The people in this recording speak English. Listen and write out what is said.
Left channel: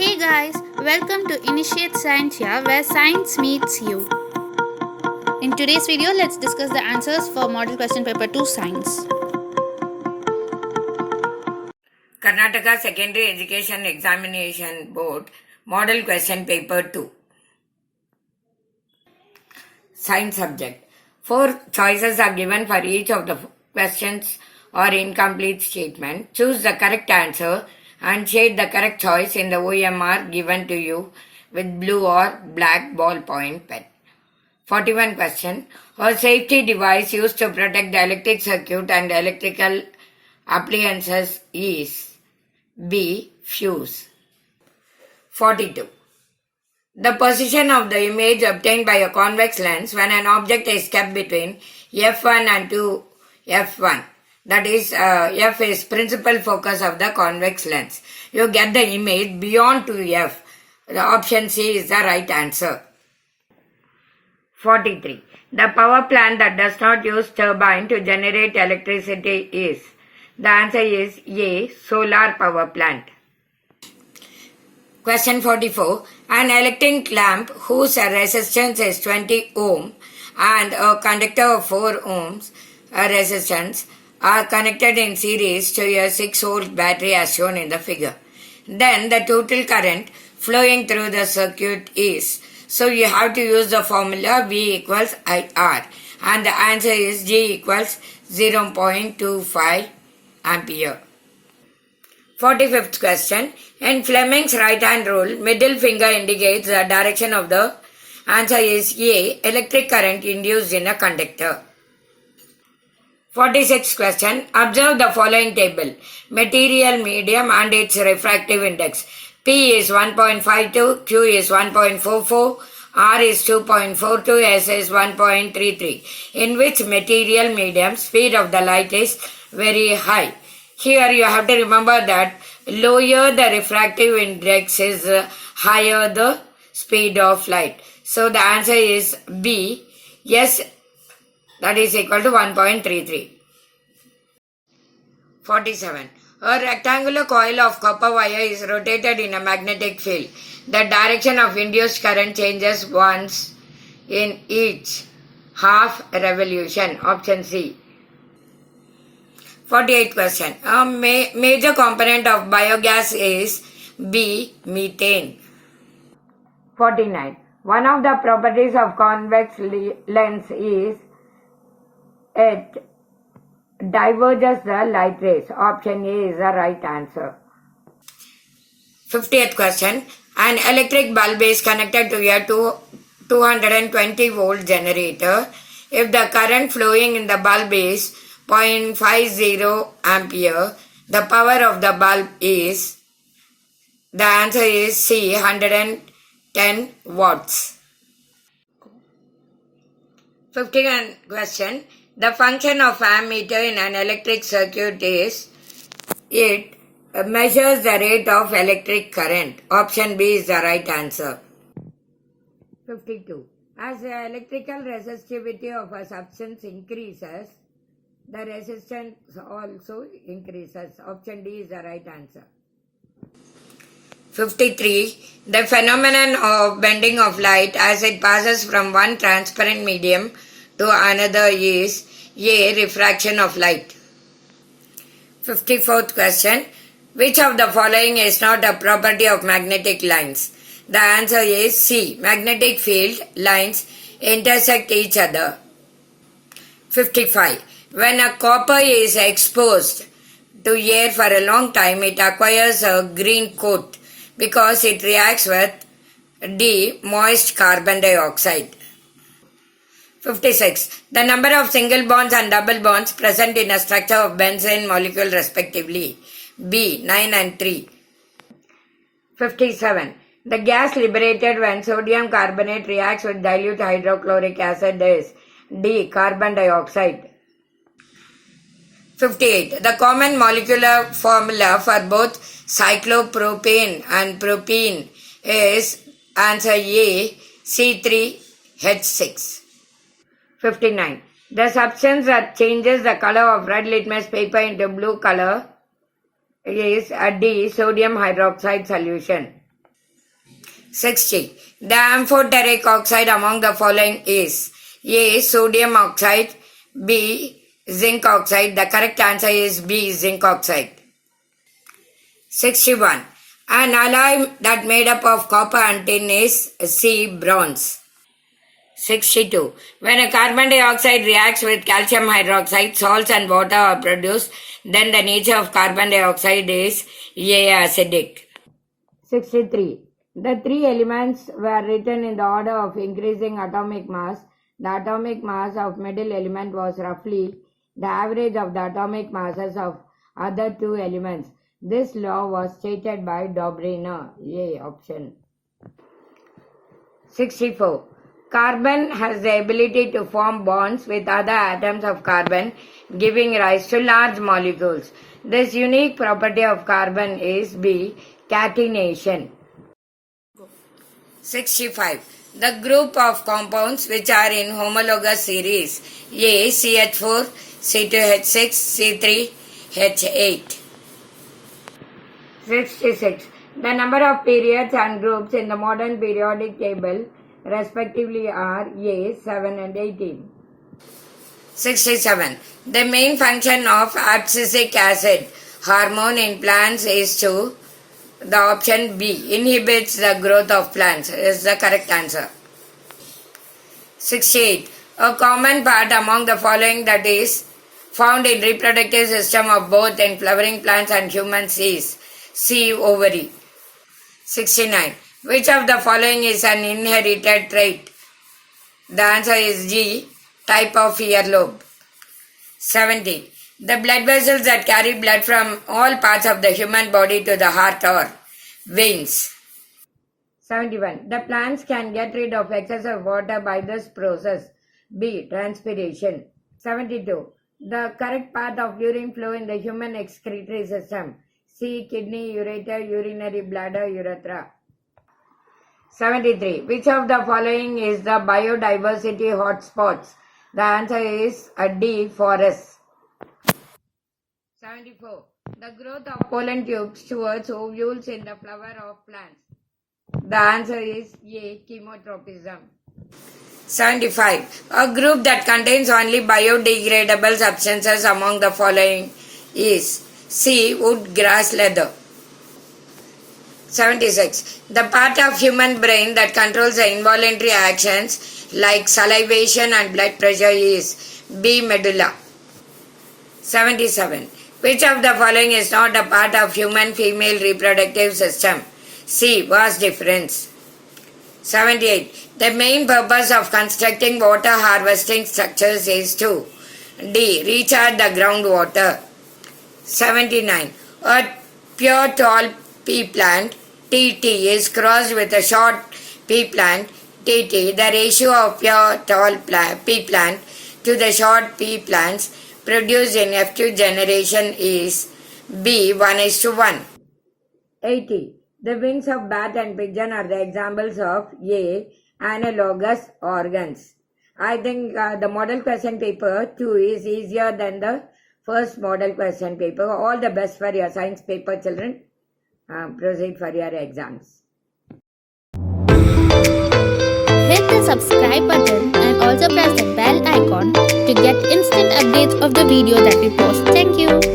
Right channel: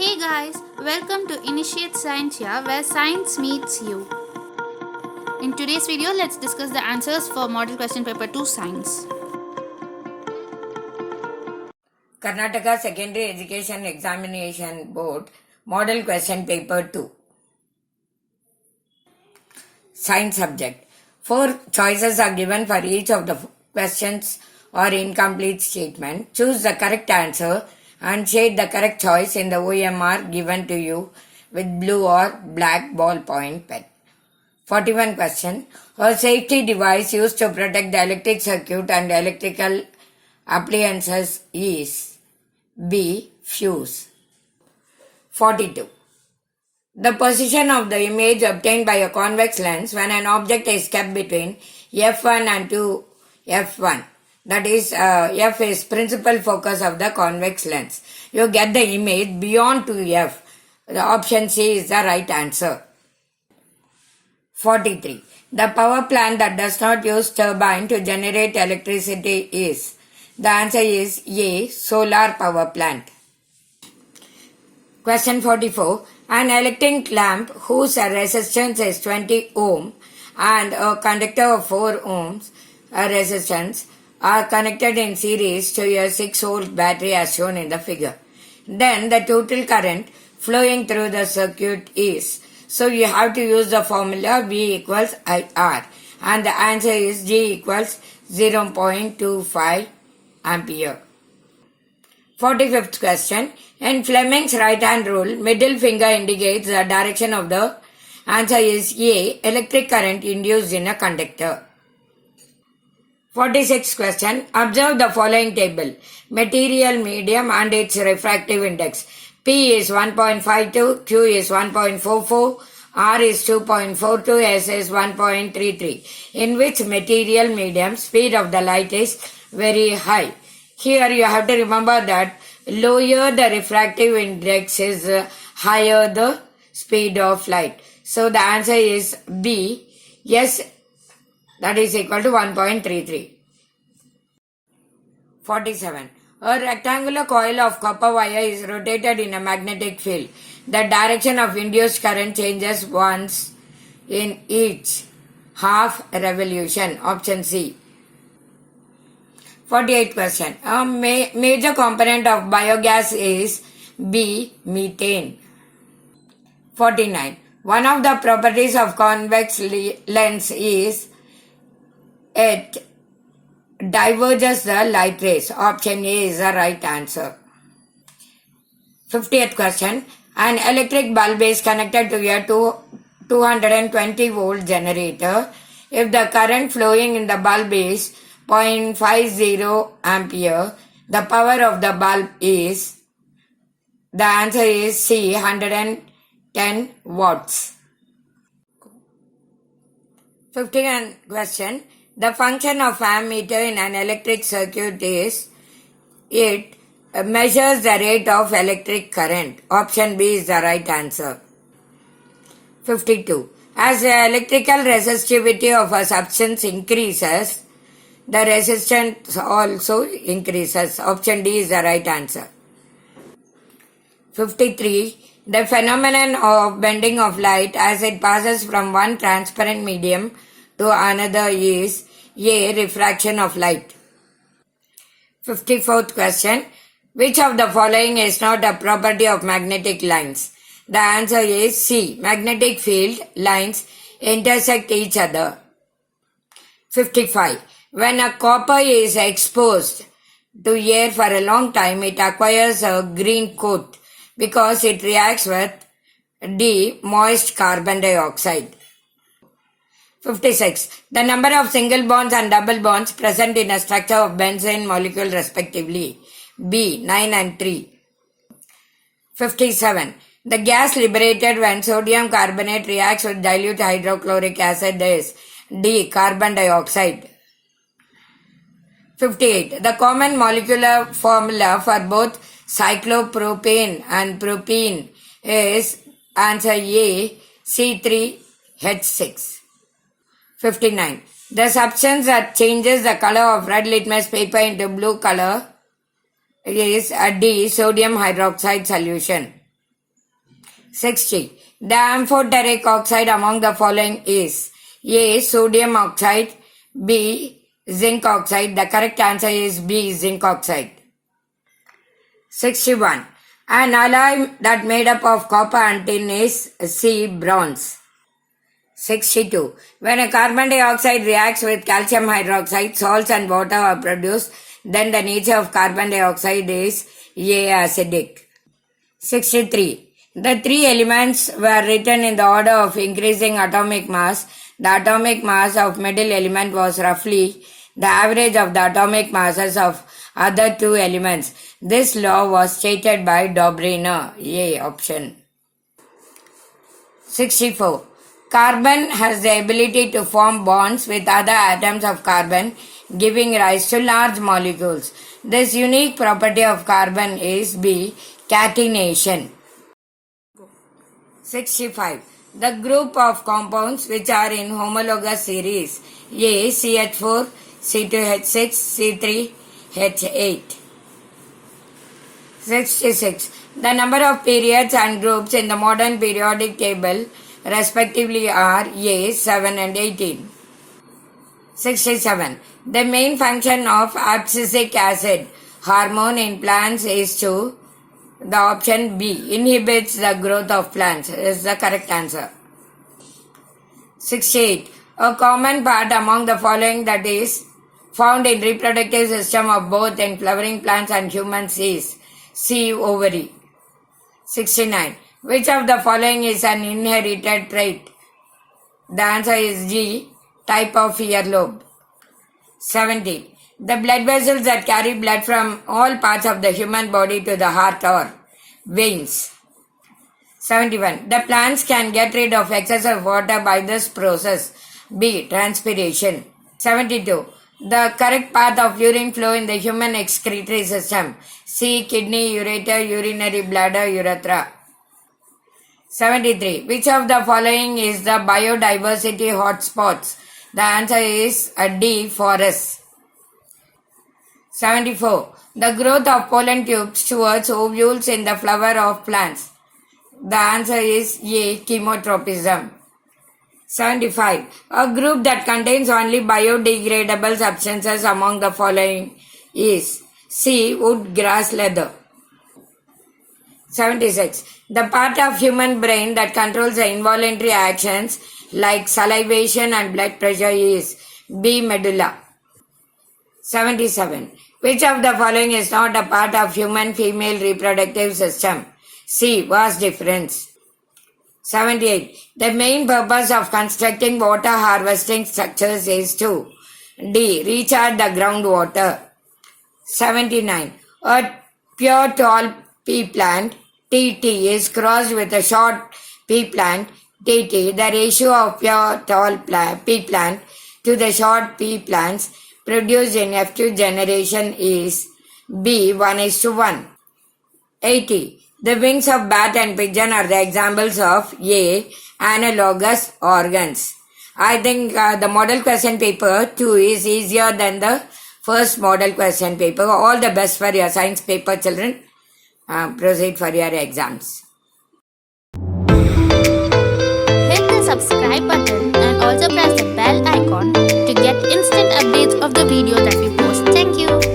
Hey guys, welcome to Initiate Science here where science meets you. In today's video, let's discuss the answers for Model Question Paper 2 Science. Karnataka Secondary Education Examination Board Model Question Paper 2 Science subject. 4 choices are given for each of the questions or incomplete statement. Choose the correct answer and shade the correct choice in the OMR given to you with blue or black ballpoint pen. 41 question. A safety device used to protect the electric circuit and electrical appliances is B. Fuse. 42. The position of the image obtained by a convex lens when an object is kept between f1 and 2f1. That is, f is principal focus of the convex lens. You get the image beyond 2f. The option C is the right answer. 43. The power plant that does not use turbine to generate electricity is. The answer is A. Solar power plant. Question 44. An electric lamp whose resistance is 20 ohm and a conductor of 4 ohms resistance are connected in series to a 6-volt battery as shown in the figure. Then the total current flowing through the circuit is. So you have to use the formula V equals IR and the answer is G equals 0.25 ampere. 45th question. In Fleming's right hand rule, middle finger indicates the direction of the answer is A. Electric current induced in a conductor. 46th question. Observe the following table. Material, medium and its refractive index. P is 1.52, Q is 1.44, R is 2.42, S is 1.33. In which material, medium, speed of the light is very high. Here you have to remember that lower the refractive index is higher the speed of light. So the answer is B. Yes, that is equal to 1.33. 47. A rectangular coil of copper wire is rotated in a magnetic field. The direction of induced current changes once in each half revolution. Option C. 48th question. A major component of biogas is B. Methane. 49. One of the properties of convex lens is it diverges the light rays. Option A is the right answer. 50th question. An electric bulb is connected to a 220 volt generator. If the current flowing in the bulb is 0.50 ampere, the power of the bulb is. The answer is C. 110 watts. 51 question. The function of ammeter in an electric circuit is it measures the rate of electric current. Option B is the right answer. 52. As the electrical resistivity of a substance increases, the resistance also increases. Option D is the right answer. 53. The phenomenon of bending of light as it passes from one transparent medium to another is A. Refraction of light. 54th question. Which of the following is not a property of magnetic lines? The answer is C. Magnetic field lines intersect each other. 55. When a copper is exposed to air for a long time, it acquires a green coat because it reacts with D. Moist carbon dioxide. 56. The number of single bonds and double bonds present in a structure of benzene molecule respectively. B. 9 and 3. 57. The gas liberated when sodium carbonate reacts with dilute hydrochloric acid is D. Carbon dioxide. 58. The common molecular formula for both cyclopropane and propene is answer A. C3H6. 59. The substance that changes the color of red litmus paper into blue color is a D. Sodium hydroxide solution. 60. The amphoteric oxide among the following is A. Sodium oxide, B. Zinc oxide. The correct answer is B. Zinc oxide. 61. An alloy that made up of copper and tin is C. Bronze. 62. When a carbon dioxide reacts with calcium hydroxide, salts and water are produced, then the nature of carbon dioxide is A. Acidic. 63. The three elements were written in the order of increasing atomic mass. The atomic mass of middle element was roughly the average of the atomic masses of other two elements. This law was stated by Dobrynov. A option. 64. Carbon has the ability to form bonds with other atoms of carbon, giving rise to large molecules. This unique property of carbon is B. Catenation. 65. The group of compounds which are in homologous series A. CH4, C2H6, C3H8. 66. The number of periods and groups in the modern periodic table respectively are A. 7 and 18. 67. The main function of abscisic acid hormone in plants is to the option B. Inhibits the growth of plants is the correct answer. 68. A common part among the following that is found in reproductive system of both in flowering plants and humans is C. Ovary. 69. Which of the following is an inherited trait? The answer is G. Type of earlobe. 70. The blood vessels that carry blood from all parts of the human body to the heart are veins. 71. The plants can get rid of excessive water by this process. B. Transpiration. 72. The correct path of urine flow in the human excretory system. C. Kidney, ureter, urinary bladder, urethra. 73. Which of the following is the biodiversity hotspots? The answer is D. Forests. 74. The growth of pollen tubes towards ovules in the flower of plants. The answer is A. Chemotropism. 75. A group that contains only biodegradable substances among the following is C. Wood, grass, leather. 76. The part of human brain that controls the involuntary actions like salivation and blood pressure is B. Medulla. 77. Which of the following is not a part of human female reproductive system? C. Vas deferens. 78. The main purpose of constructing water harvesting structures is to D. Recharge the groundwater. 79. A pure tall pea plant TT is crossed with a short pea plant TT. The ratio of pure tall pea plant to the short pea plants produced in F2 generation is B. 1:1. 80. The wings of bat and pigeon are the examples of A. Analogous organs. I think the model question paper 2 is easier than the first model question paper. All the best for your science paper, children. Proceed for your exams. Hit the subscribe button and also press the bell icon to get instant updates of the video that we post. Thank you.